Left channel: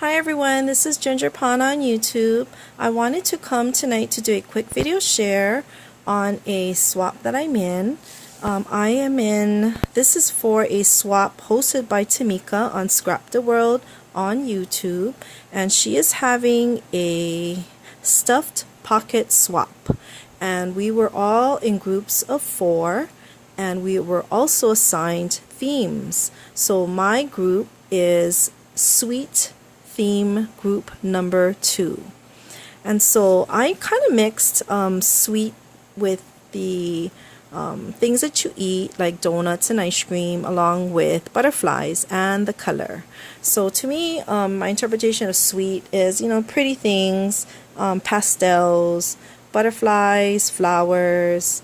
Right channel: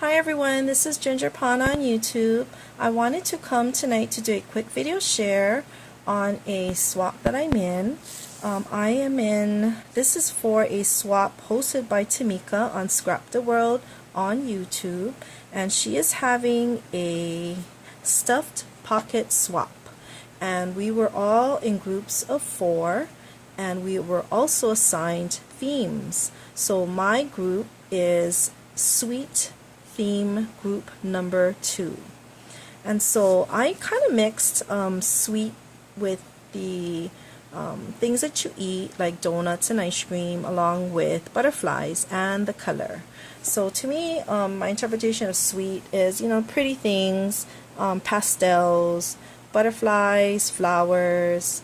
Hi everyone, this is Ginger Pond on YouTube. I wanted to come tonight to do a quick video share on a swap that I'm in. This is for a swap hosted by Tmika on Scrapdaworld on YouTube, and she is having a stuffed pocket swap. And we were all in groups of 4, and we were also assigned themes. So my group is Sweet Theme Group number 2. And so I kind of mixed sweet with the things that you eat, like donuts and ice cream, along with butterflies and the color. So to me, my interpretation of sweet is, pretty things, pastels, butterflies, flowers,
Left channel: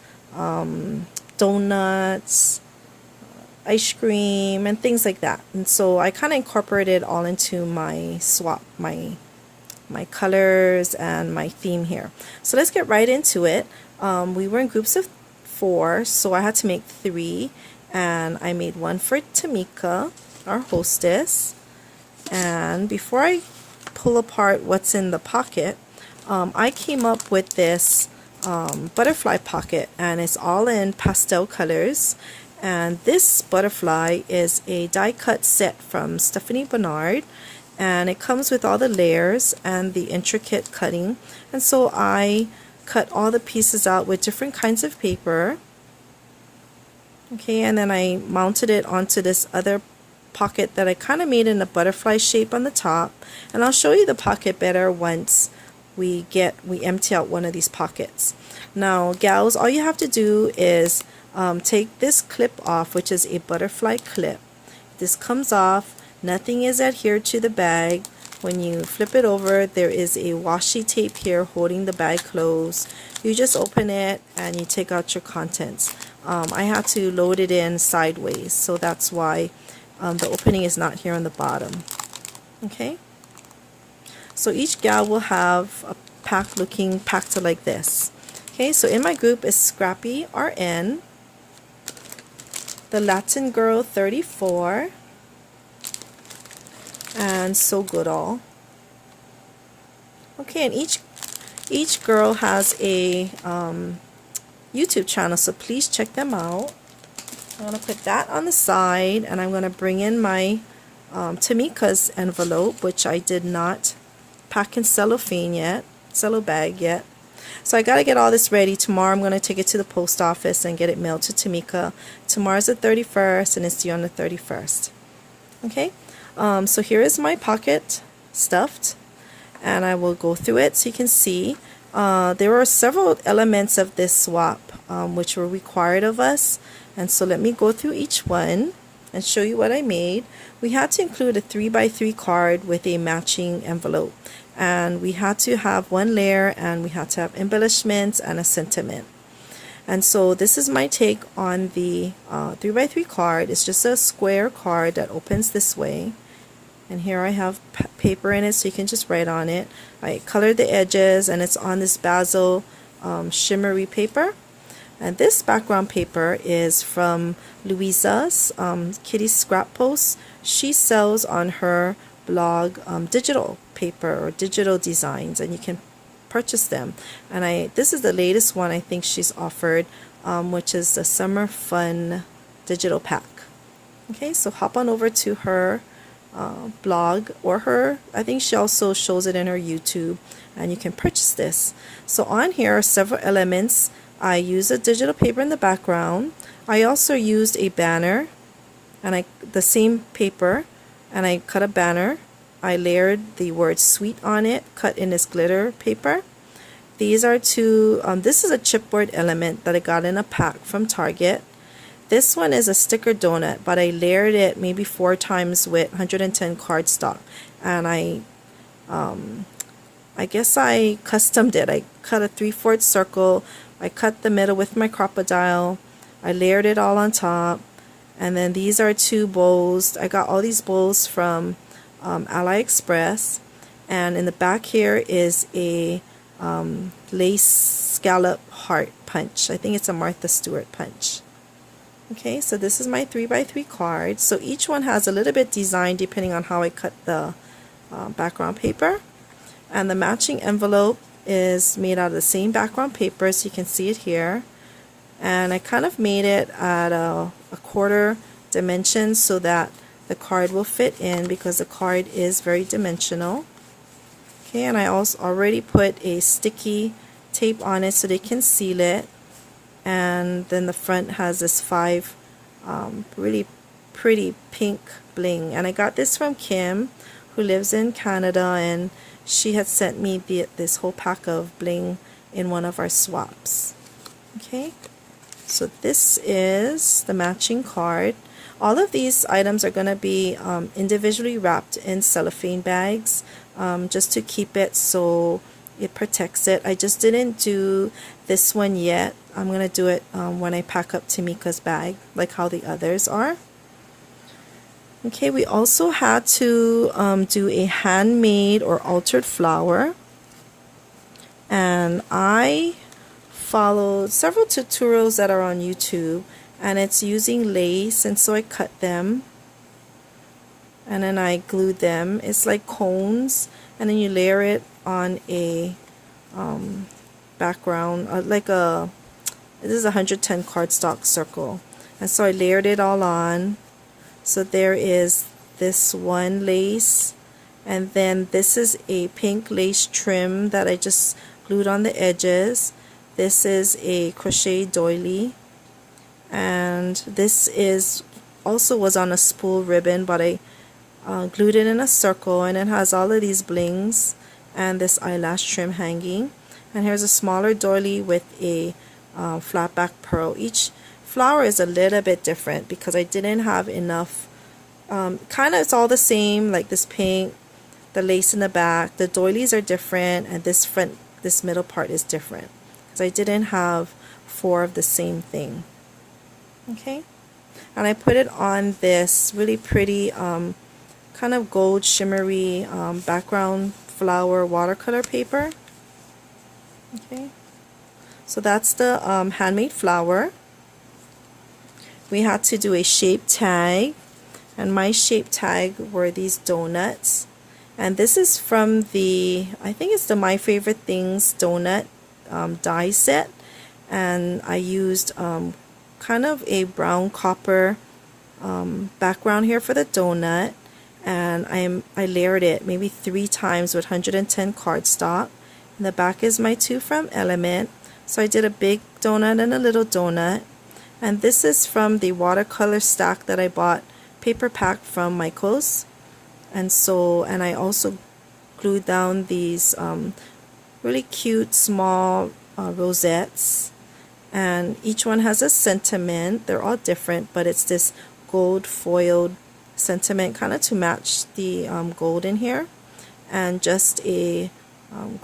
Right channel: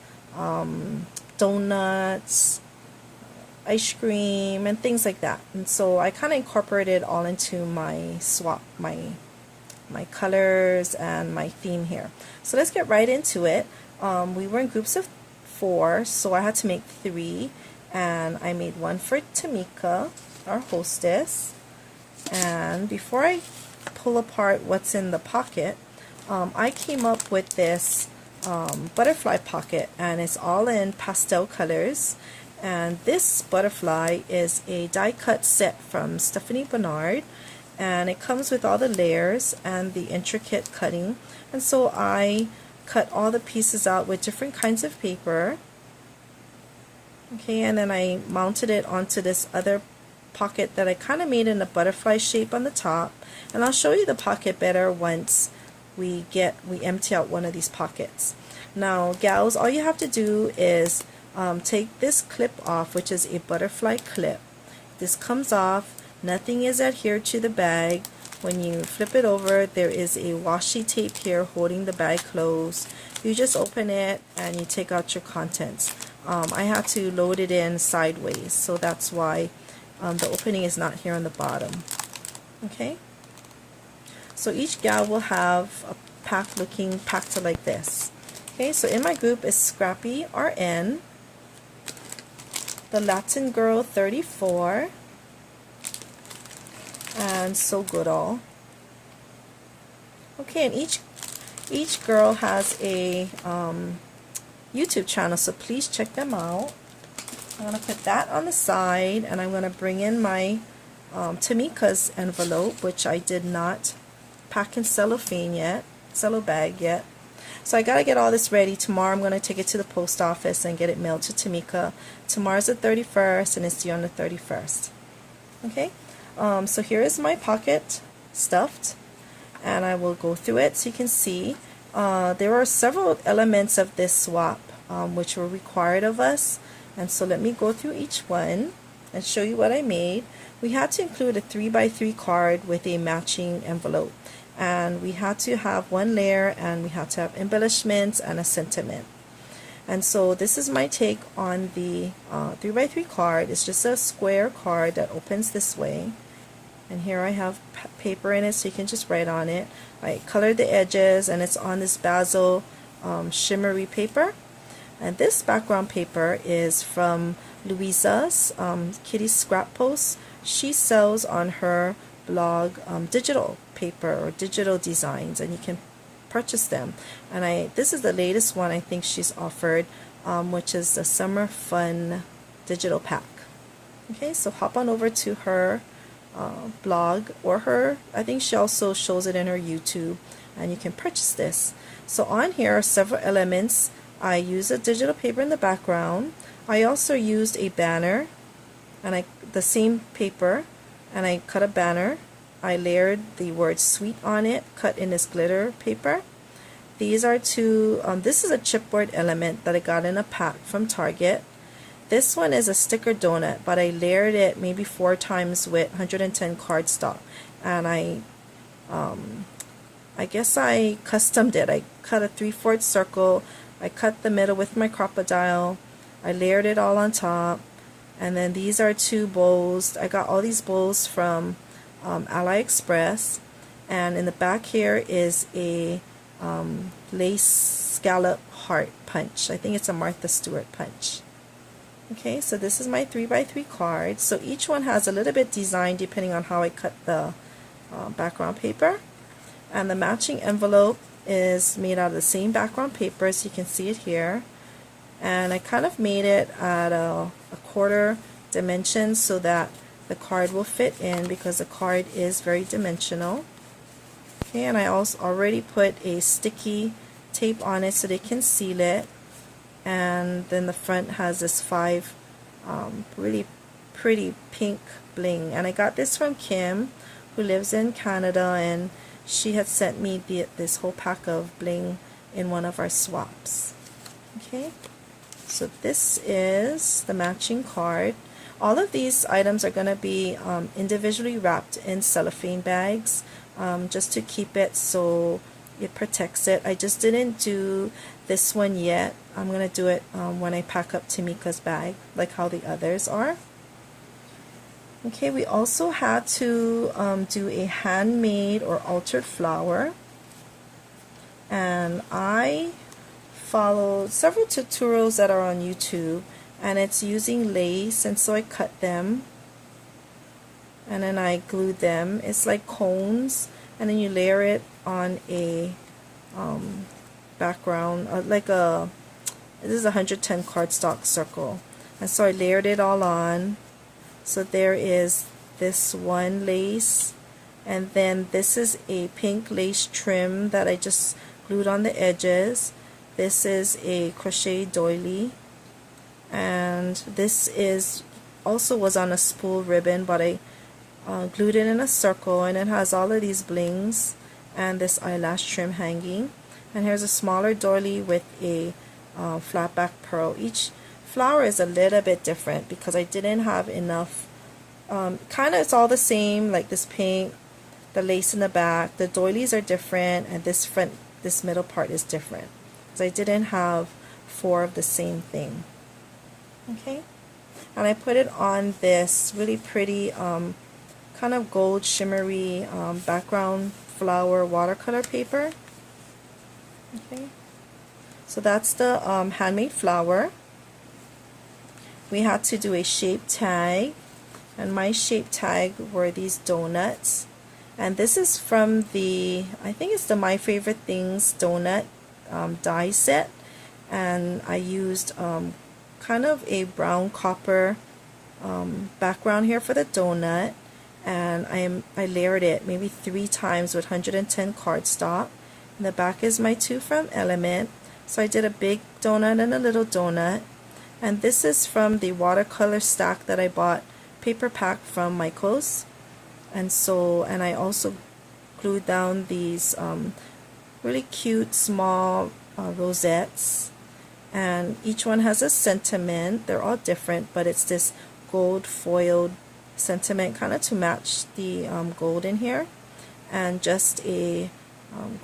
donuts, ice cream, and things like that. And so I kind of incorporated it all into my swap, my colors and my theme here. So let's get right into it. We were in groups of 4, so I had to make 3, and I made one for Tmika, our hostess. And before I pull apart what's in the pocket, I came up with this butterfly pocket, and it's all in pastel colors. And this butterfly is a die cut set from Stephanie Bernard, and it comes with all the layers and the intricate cutting. And so I cut all the pieces out with different kinds of paper. Okay, and then I mounted it onto this other pocket that I kind of made in a butterfly shape on the top. And I'll show you the pocket better once we empty out one of these pockets. Now, gals, all you have to do is take this clip off, which is a butterfly clip. This comes off. Nothing is adhered to the bag. When you flip it over, there is a washi tape here holding the bag closed. You just open it and you take out your contents. I had to load it in sideways, so that's why the opening is not here on the bottom. Okay, so each gal will have a pack looking packed like this. Okay, so in my group is Scrappy RN, the Latin Girl 34, and So Goodall. Okay, and each girl has a YouTube channel, so please check them out. I'm going to put that on the side, and I'm going to bring in my Tmika's envelope, which I did not pack in cellophane bag yet. So I got to get all this ready. Tomorrow I'm going to take it to the post office and get it mailed to Tmika. Tomorrow's the 31st, and it's due on the 31st. Okay, so here is my pocket stuffed, and I will go through it so you can see. There were several elements of this swap which were required of us, and so let me go through each one and show you what I made. We had to include a 3x3 card with a matching envelope, and we had to have one layer, and we had to have embellishments and a sentiment. And so this is my take on the 3x3 card. It's just a square card that opens this way, and here I have paper in it so you can just write on it. I colored the edges, and it's on this basil shimmery paper. And this background paper is from Louisa's Kitty Scrap Post. She sells on her blog digital paper or digital designs, and you can purchase them. And this is the latest one I think she's offered, which is the Summer Fun digital pack. Okay, so hop on over to her blog, or I think she also shows it in her YouTube, and you can purchase this. So on here are several elements. I used a digital paper in the background. I also used a banner, and the same paper, and I cut a banner. I layered the word sweet on it, cut in this glitter paper. These are this is a chipboard element that I got in a pack from Target. This one is a sticker donut, but I layered it maybe 4 times with 110 cardstock, and I guess I customed it. I cut a 3/4 circle. I cut the middle with my crocodile. I layered it all on top, and then these are 2 bowls. I got all these bowls from AliExpress, and in the back here is a lace scallop heart punch. I think it's a Martha Stewart punch. Okay, so this is my 3x3 card. So each one has a little bit design depending on how I cut the background paper, and the matching envelope is made out of the same background paper, so you can see it here. And I kind of made it at a quarter dimension so that the card will fit in, because the card is very dimensional. Okay, and I also already put a sticky tape on it so they can seal it. And then the front has this 5 really pretty pink bling, and I got this from Kim, who lives in Canada, and she had sent me this whole pack of bling in one of our swaps. Okay, so this is the matching card. All of these items are going to be individually wrapped in cellophane bags, just to keep it so it protects it. I just didn't do this one yet. I'm going to do it when I pack up Tmika's bag, like how the others are. Okay, we also had to do a handmade or altered flower, and I followed several tutorials that are on YouTube, and it's using lace, and so I cut them and then I glued them. It's like cones, and then you layer it on a background, this is a 110 cardstock circle, and so I layered it all on. So there is this one lace, and then this is a pink lace trim that I just glued on the edges. This is a crochet doily, and this is also was on a spool ribbon, but I glued it in a circle, and it has all of these blings and this eyelash trim hanging. And here's a smaller doily with a flat back pearl. Each flower is a little bit different because I didn't have enough. Kind of it's all the same, like this pink, the lace in the back. The doilies are different, and this middle part is different. So I didn't have 4 of the same thing. Okay, and I put it on this really pretty kind of gold shimmery background flower watercolor paper. Okay, so that's the handmade flower. We had to do a shape tag, and my shape tag were these donuts, and this is from the, I think it's the My Favorite Things donut die set, and I used kind of a brown copper background here for the donut, and I layered it maybe 3 times with 110 cardstock. And the back is my 2 from Element, so I did a big donut and a little donut. And this is from the watercolor stack that I bought paper pack from Michaels, and I also glued down these really cute small rosettes, and each one has a sentiment. They're all different, but it's this gold foiled sentiment kind of to match the gold in here, and just a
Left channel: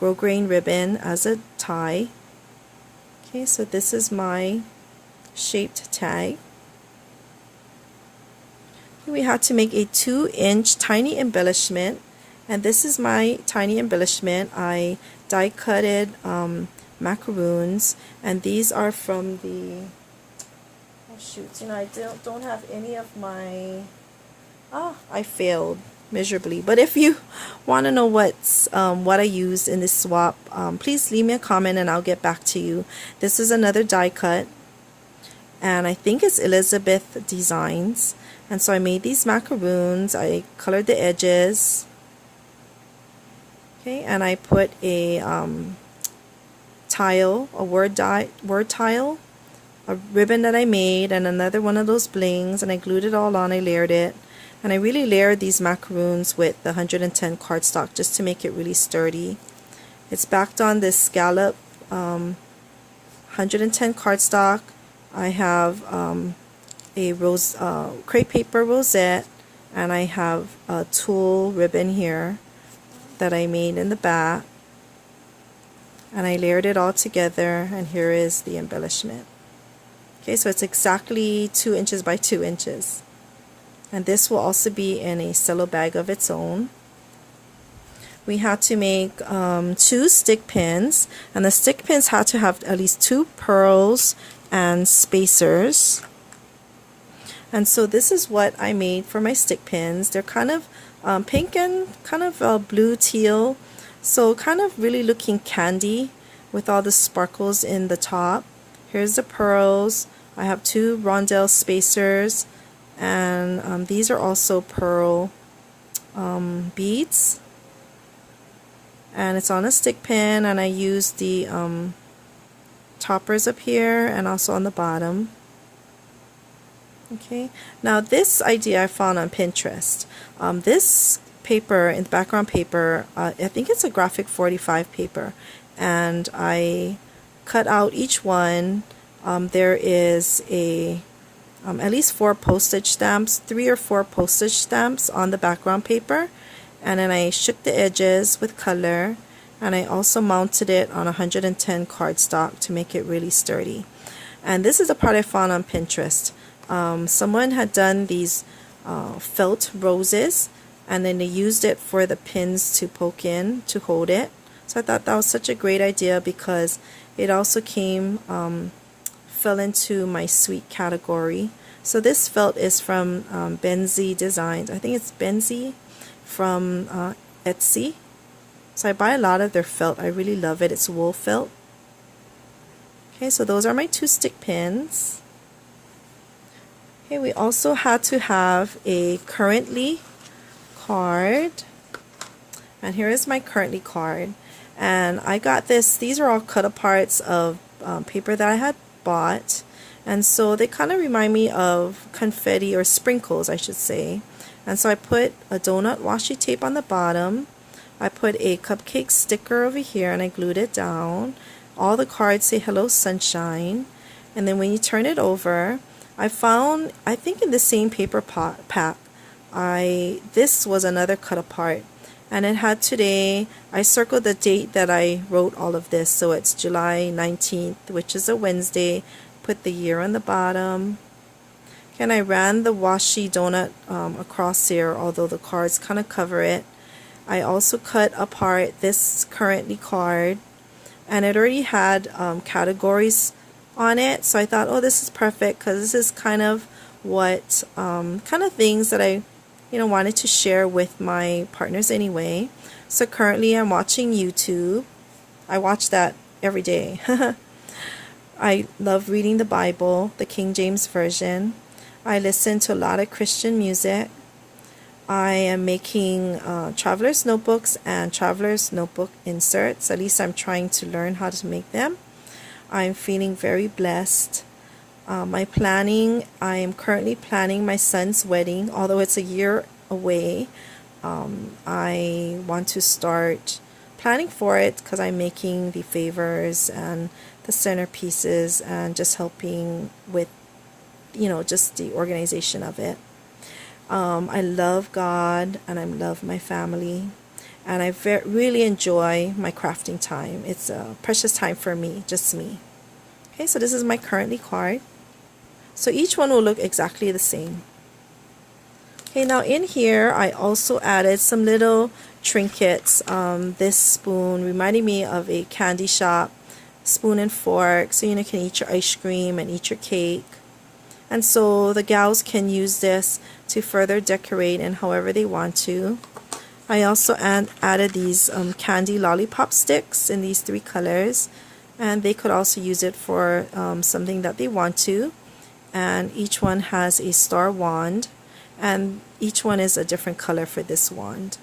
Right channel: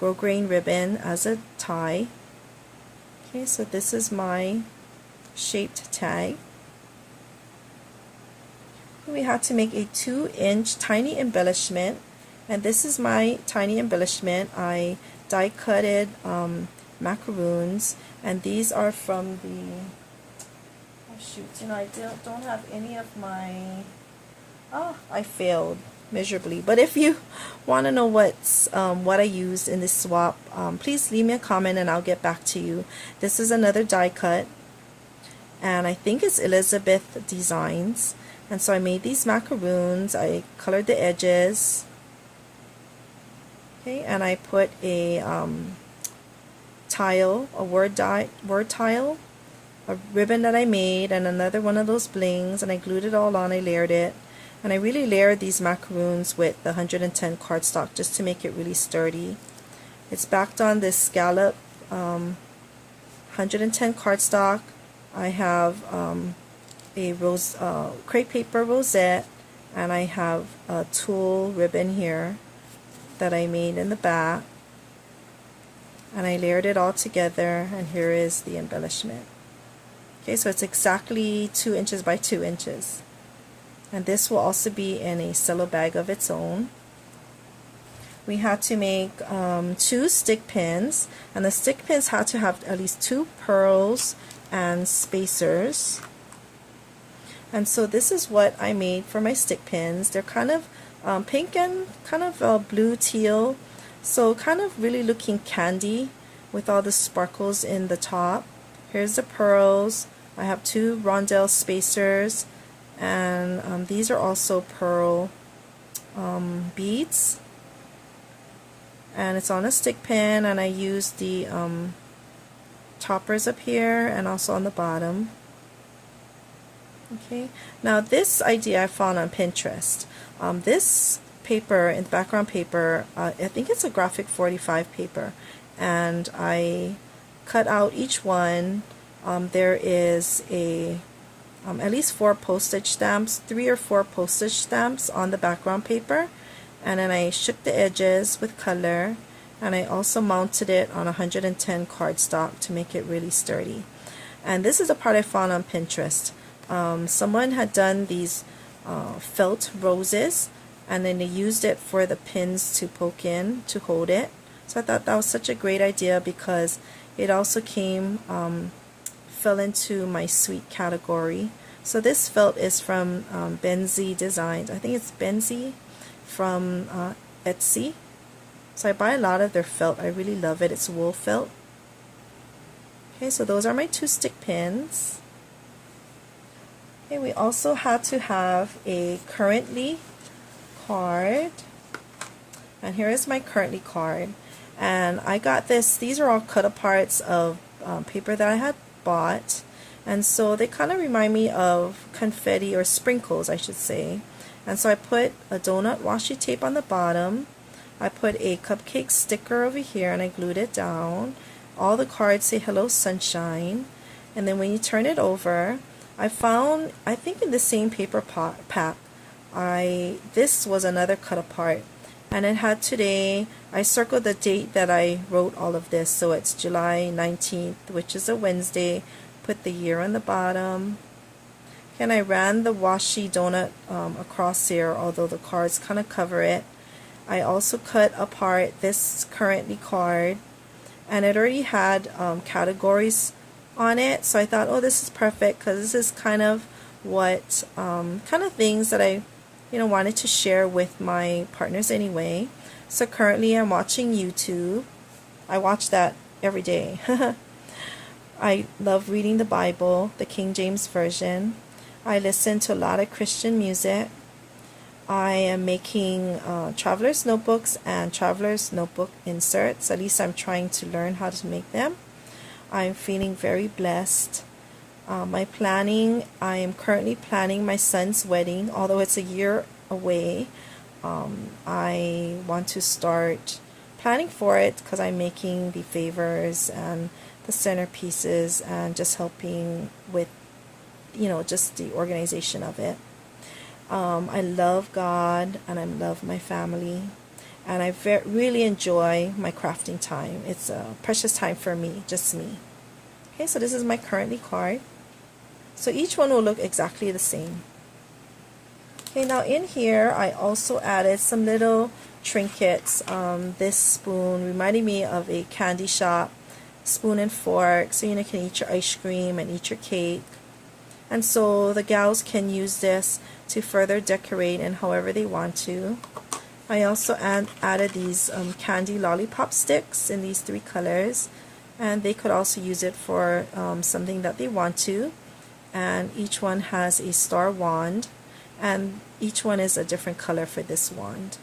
grosgrain ribbon as a tie. Okay, so this is my shaped tag. We had to make a 2-inch tiny embellishment, and this is my tiny embellishment. I die cutted macaroons, and these are from the, oh shoot, I don't have any of my, I failed miserably. But if you want to know what I used in this swap, please leave me a comment and I'll get back to you. This is another die cut, and I think it's Elizabeth Designs. And so I made these macaroons. I colored the edges. Okay, and I put a tile, a word tile, a ribbon that I made, and another one of those blings, and I glued it all on. I layered it, and I really layered these macaroons with the 110 cardstock just to make it really sturdy. It's backed on this scallop 110 cardstock. I have a crepe paper rosette, and I have a tulle ribbon here that I made in the back, and I layered it all together, and here is the embellishment. Okay, so it's exactly 2 inches by 2 inches, and this will also be in a cello bag of its own. We had to make 2 stick pins, and the stick pins had to have at least 2 pearls and spacers. And so this is what I made for my stick pins. They're kind of pink and kind of blue teal, so kind of really looking candy with all the sparkles in the top. Here's the pearls. I have 2 rondelle spacers, and these are also pearl beads, and it's on a stick pin, and I use the toppers up here and also on the bottom. Okay, now this idea I found on Pinterest. This paper, in the background paper, I think it's a graphic 45 paper, and I cut out each one. There is at least 4 postage stamps, 3 or 4 postage stamps on the background paper, and then I shook the edges with color, and I also mounted it on 110 cardstock to make it really sturdy. And this is a part I found on Pinterest. Someone had done these felt roses, and then they used it for the pins to poke in to hold it. So I thought that was such a great idea because it also fell into my sweet category. So this felt is from Benzie Designs. I think it's Benzie from Etsy. So I buy a lot of their felt. I really love it. It's wool felt. Okay, so those are my 2 stick pins. Okay, we also had to have a currently card, and here is my currently card, and I got this. These are all cut aparts of paper that I had bought, and so they kind of remind me of confetti or sprinkles, I should say. And so I put a donut washi tape on the bottom. I put a cupcake sticker over here, and I glued it down. All the cards say hello sunshine, and then when you turn it over, I found, I think in the same paper pack, this was another cut apart, and it had today. I circled the date that I wrote all of this, so it's July 19th, which is a Wednesday. Put the year on the bottom, and I ran the washi donut across here, although the cards kind of cover it. I also cut apart this currently card, and it already had categories on it, so I thought, oh, this is perfect because this is kind of what kind of things that I wanted to share with my partners anyway. So currently I'm watching YouTube. I watch that every day. I love reading the Bible, the King James Version. I listen to a lot of Christian music. I am making traveler's notebooks and traveler's notebook inserts. At least I'm trying to learn how to make them. I'm feeling very blessed. I am currently planning my son's wedding, although it's a year away. I want to start planning for it because I'm making the favors and the centerpieces and just helping with, just the organization of it. I love God and I love my family. And I really enjoy my crafting time. It's a precious time for me, just me. Okay, so this is my currently card. So each one will look exactly the same. Okay, now in here I also added some little trinkets. This spoon reminded me of a candy shop spoon and fork, so you can eat your ice cream and eat your cake. And so the gals can use this to further decorate and however they want to. I also added these candy lollipop sticks in these 3 colors, and they could also use it for something that they want to. And each one has a star wand, and each one is a different color for this wand.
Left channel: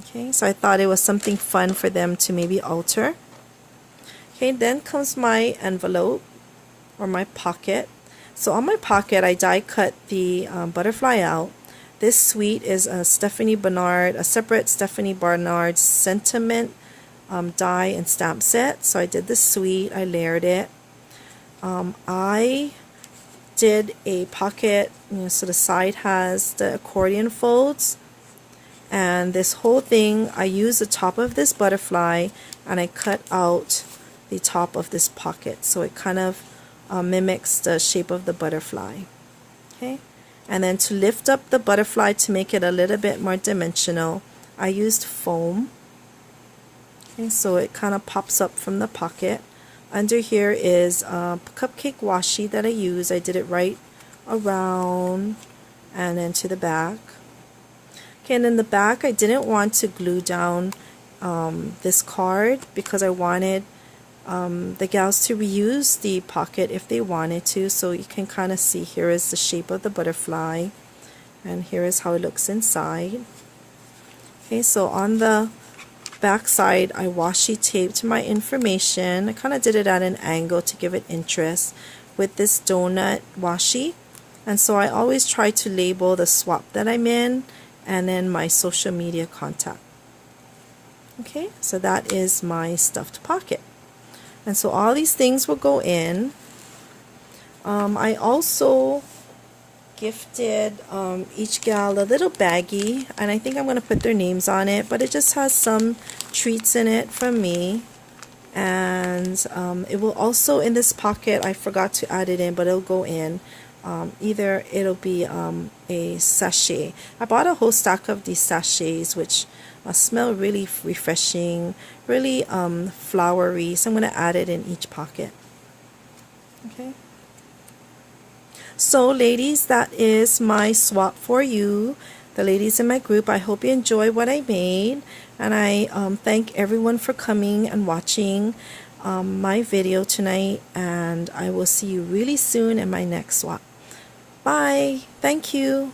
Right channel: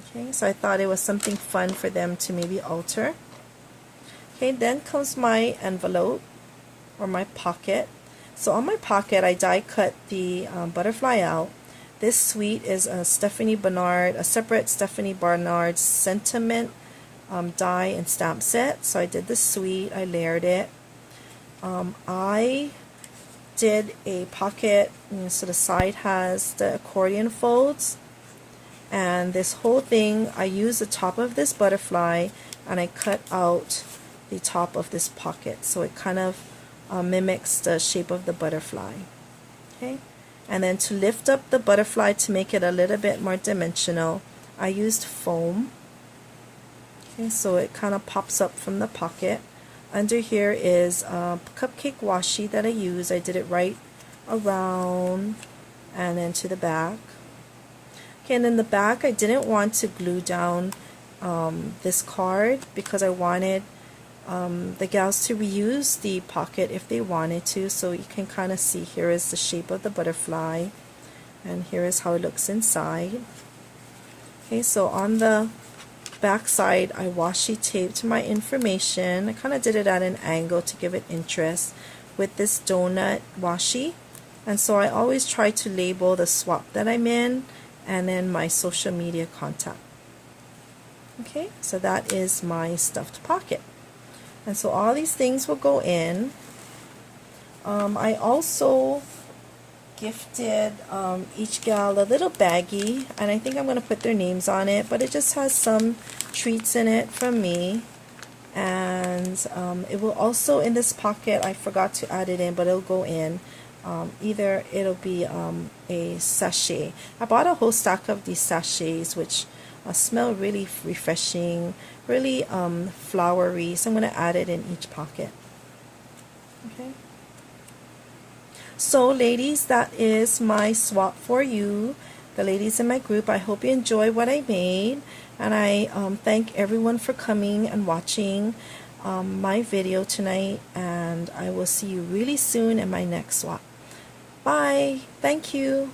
Okay, so I thought it was something fun for them to maybe alter. Okay, then comes my envelope or my pocket. So on my pocket I die cut the butterfly out. This suite is a separate Stephanie Barnard sentiment die and stamp set. So I did the suite, I layered it. I did a pocket, so the side has the accordion folds, and this whole thing I used the top of this butterfly and I cut out the top of this pocket so it kind of mimics the shape of the butterfly. Okay. And then to lift up the butterfly to make it a little bit more dimensional, I used foam. Okay, so it kind of pops up from the pocket. Under here is cupcake washi that I use. I did it right around and then to the back. Okay, and in the back I didn't want to glue down this card because I wanted the gals to reuse the pocket if they wanted to, so you can kind of see here is the shape of the butterfly and here is how it looks inside. Okay, so on the back side I washi taped my information. I kind of did it at an angle to give it interest with this donut washi, and so I always try to label the swap that I'm in and then my social media contact. Okay, so that is my stuffed pocket, and so all these things will go in. I also gifted each gal a little baggie, and I think I'm going to put their names on it, but it just has some treats in it from me. And it will also, in this pocket, I forgot to add it in, but it'll go in. Either it'll be a sachet. I bought a whole stack of these sachets, which smell really refreshing, really flowery, so I'm going to add it in each pocket. Okay. So ladies, that is my swap for you, the ladies in my group. I hope you enjoy what I made, and I thank everyone for coming and watching my video tonight, and I will see you really soon in my next swap. Bye. Thank you.